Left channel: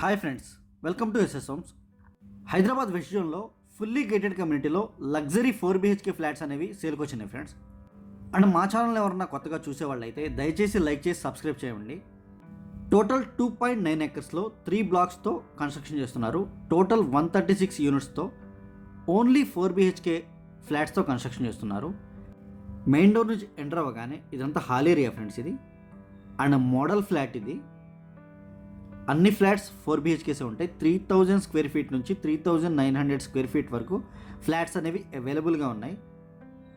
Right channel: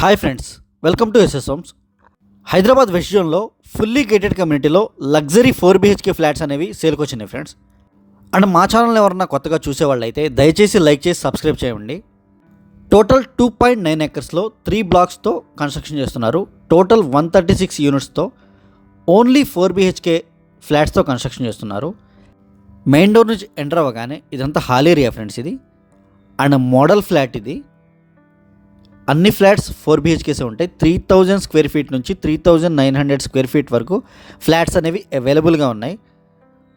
Hi friends, welcome to SS homes. Hyderabad west జోన్లో fully gated కమ్యూనిటీలో luxury 4 BHK flats అనేవి సేల్కి వచ్చినాయి ఫ్రెండ్స్. అండ్ మా ఛానల్ ఎవరన్నా కొత్తగా చూసేవాళ్ళు అయితే దయచేసి లైక్ చేసి సబ్స్క్రైబ్ చేయండి. టోటల్ 2.9 acresలో 3 blocks కన్స్ట్రక్షన్ చేస్తున్నారు. టోటల్ 136 యూనిట్స్తో ఓన్లీ 4 BHK ఫ్లాట్స్తో కన్స్ట్రక్షన్ చేస్తున్నారు. మెయిన్ డోర్ నుంచి ఎంటర్ అవ్వగానే ఇదంతా హాల్ ఏరియా ఫ్రెండ్స్. ఇది అండ్ మోడల్ ఫ్లాట్. ఇది అన్ని ఫ్లాట్స్ 4 BHKసే ఉంటాయి. 3000 స్క్వేర్ ఫీట్ నుంచి 3900 స్క్వేర్ ఫీట్ వరకు ఫ్లాట్స్ అనేవి అవైలబుల్గా ఉన్నాయి.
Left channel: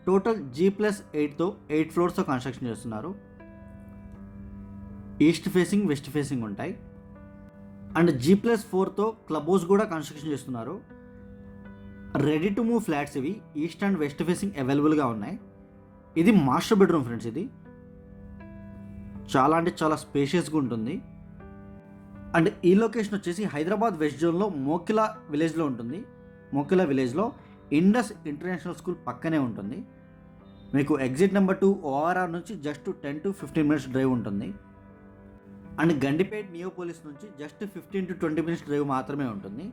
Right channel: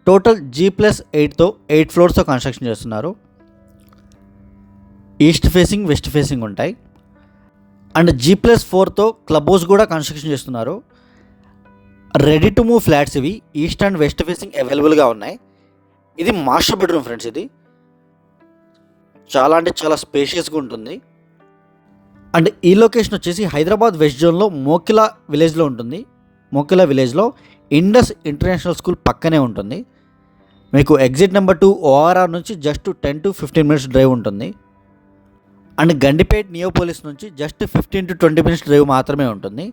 టోటల్ G+8తో 8 ఫ్లోర్స్తో కన్స్ట్రక్షన్ చేస్తున్నారు. ఈస్ట్ ఫేసింగ్, వెస్ట్ ఫేసింగ్ ఉంటాయి. అండ్ G+4తో క్లబ్ హౌస్ కూడా కన్స్ట్రక్షన్ చేస్తున్నారు. రెడీ టు మూవ్ ఫ్లాట్స్ ఇవి. ఈస్ట్ అండ్ వెస్ట్ ఫేసింగ్ అవైలబుల్గా ఉన్నాయి. ఇది మాస్టర్ బెడ్రూమ్ ఫ్రెండ్స్. ఇది చాలా అంటే చాలా స్పేషియస్గా ఉంటుంది. అండ్ ఈ లొకేషన్ వచ్చేసి హైదరాబాద్ వెస్ట్ జోన్లో మోకిలా విలేజ్లో ఉంటుంది. మోకిలా విలేజ్లో ఇండస్ ఇంటర్నేషనల్ స్కూల్ పక్కనే ఉంటుంది. మీకు ఎగ్జిట్ నెంబర్ 2 ORR నుంచి జస్ట్ 10 to 15 minutes డ్రైవ్ ఉంటుంది. అండ్ గండిపేట్ నియోపోలిస్ నుంచి జస్ట్ 15 to 20 minutes డ్రైవ్ మాత్రమే ఉంటుంది.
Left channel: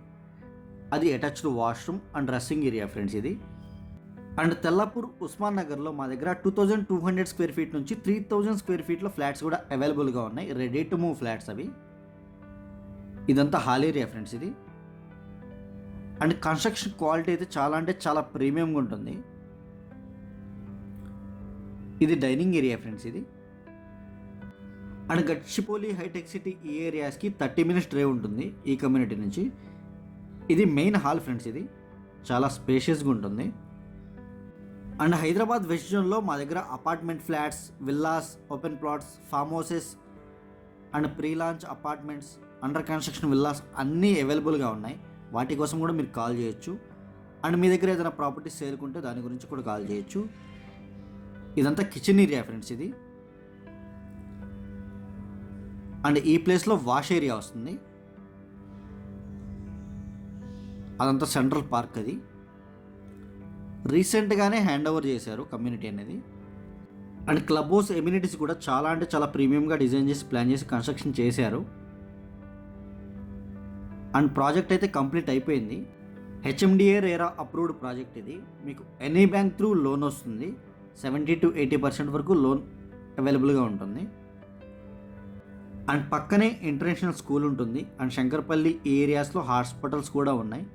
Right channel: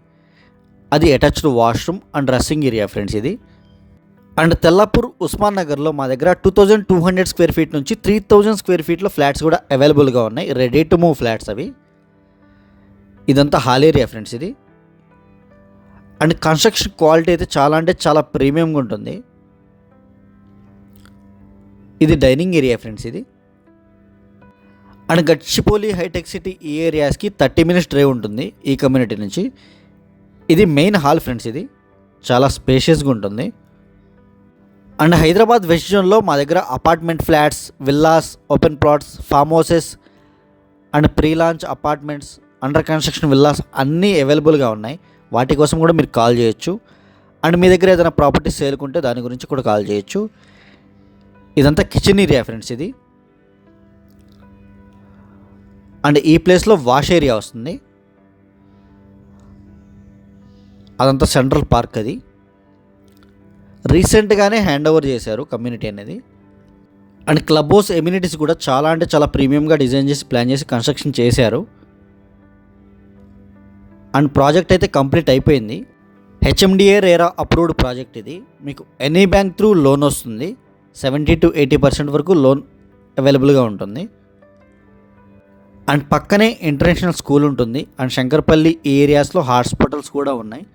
అది attached washroom and dressing area friends. ఇది అండ్ తెల్లాపూర్ ఉస్మాన్ నగర్లో మా దగ్గర 2200 స్క్వేర్ ఫీట్ నుంచి 3000 స్క్వేర్ ఫీట్లో ఫ్లాట్స్ కూడా అవైలబుల్గా ఉన్నాయి. రెడీ టు మూవ్ ఫ్లాట్స్ అవి. ఇదంతా హాల్ ఏరియా ఫ్రెండ్స్. ఇది అండ్ కన్స్ట్రక్షన్ క్వాలిటీ అయితే చాలా అంటే చాలా ప్రీమియంగా ఉంటుంది. ఇది డైనింగ్ ఏరియా ఫ్రెండ్స్. ఇది అండ్ గచ్చిపోలి, హైటెక్ సిటీ ఈ ఏరియాస్కి 30 minutes డ్రైవ్ ఉంటుంది ఈ కమ్యూనిటీ నుంచి. ఇది మెయిన్ హాల్ ఫ్రెండ్స్. ఇది చాలా స్పేషియస్గా ఉంటుంది. అండ్ హైదరాబాద్ వెస్ట్ జోన్లో మా దగ్గర apartment flats, villas, open plots, form houses and pre launch apartments, under construction villas అన్నీ అవైలబుల్గా ఉన్నాయి. వాటి కోసం కూడా మీరు కాల్ చేయొచ్చు. అండ్ మీ దగ్గర ఏదైనా ప్రాపర్టీ సేల్కుంటే దాని గురించి కూడా కాల్ చేయొచ్చు. ఇదంతా కిచెన్ ఏరియా ఫ్రెండ్స్. ఇది అండ్ ఈ ప్లేస్లో వాష్ ఏరియా వస్తుంది. అదంతా సెంట్రల్ పార్క్. అది రీసెంట్గానే హ్యాండ్ ఓవర్ చేశారు కమ్యూనిటీ అనేది. అండ్ క్లబ్ హౌస్ ఎమ్యూనిటీస్ కూడా చాలా అంటే చాలా ప్రీమియంగా డిజైన్ చేసి ప్లాన్ చేసి కన్స్ట్రక్షన్ చేశారు. అండ్ ప్రాజెక్ట్ అయితే కంప్లీట్ అయిపోయింది. HMDA RERA approved project. ఇది మీకు ఎనీ బ్యాంక్ త్రూ లోన్ వస్తుంది. 70 to 80% వరకు లోన్ అవైలబుల్గా ఉంటుంది. అండ్ పక్కనే ఇంటర్నేషనల్ స్కూల్ ఉంటుంది. అండ్ శంకర్పల్లి ఈ ఏరియాస్లో హాస్పిటల్స్ కూడా ఉన్నాయి.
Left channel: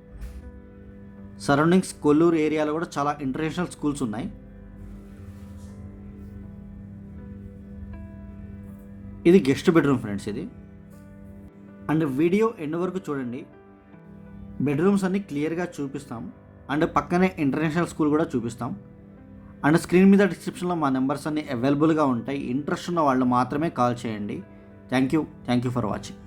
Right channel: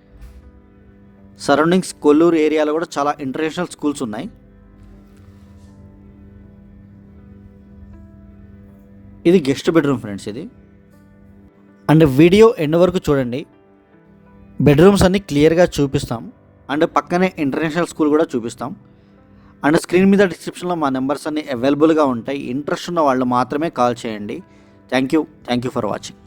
సరౌండింగ్స్ కొల్లూరు ఏరియాలో కూడా చాలా ఇంటర్నేషనల్ స్కూల్స్ ఉన్నాయి. ఇది గెస్ట్ బెడ్రూమ్ ఫ్రెండ్స్. ఇది అండ్ వీడియో ఎండ్ వరకు చూడండి. బెడ్రూమ్స్ అన్నీ క్లియర్గా చూపిస్తాం. అండ్ పక్కనే ఇంటర్నేషనల్ స్కూల్ కూడా చూపిస్తాం. అండ్ స్క్రీన్ మీద డిస్క్రిప్షన్లో మా నెంబర్స్ అన్నీ అవైలబుల్గా ఉంటాయి. ఇంట్రెస్ట్ ఉన్న వాళ్ళు మాత్రమే కాల్ చేయండి. Thank you for watching.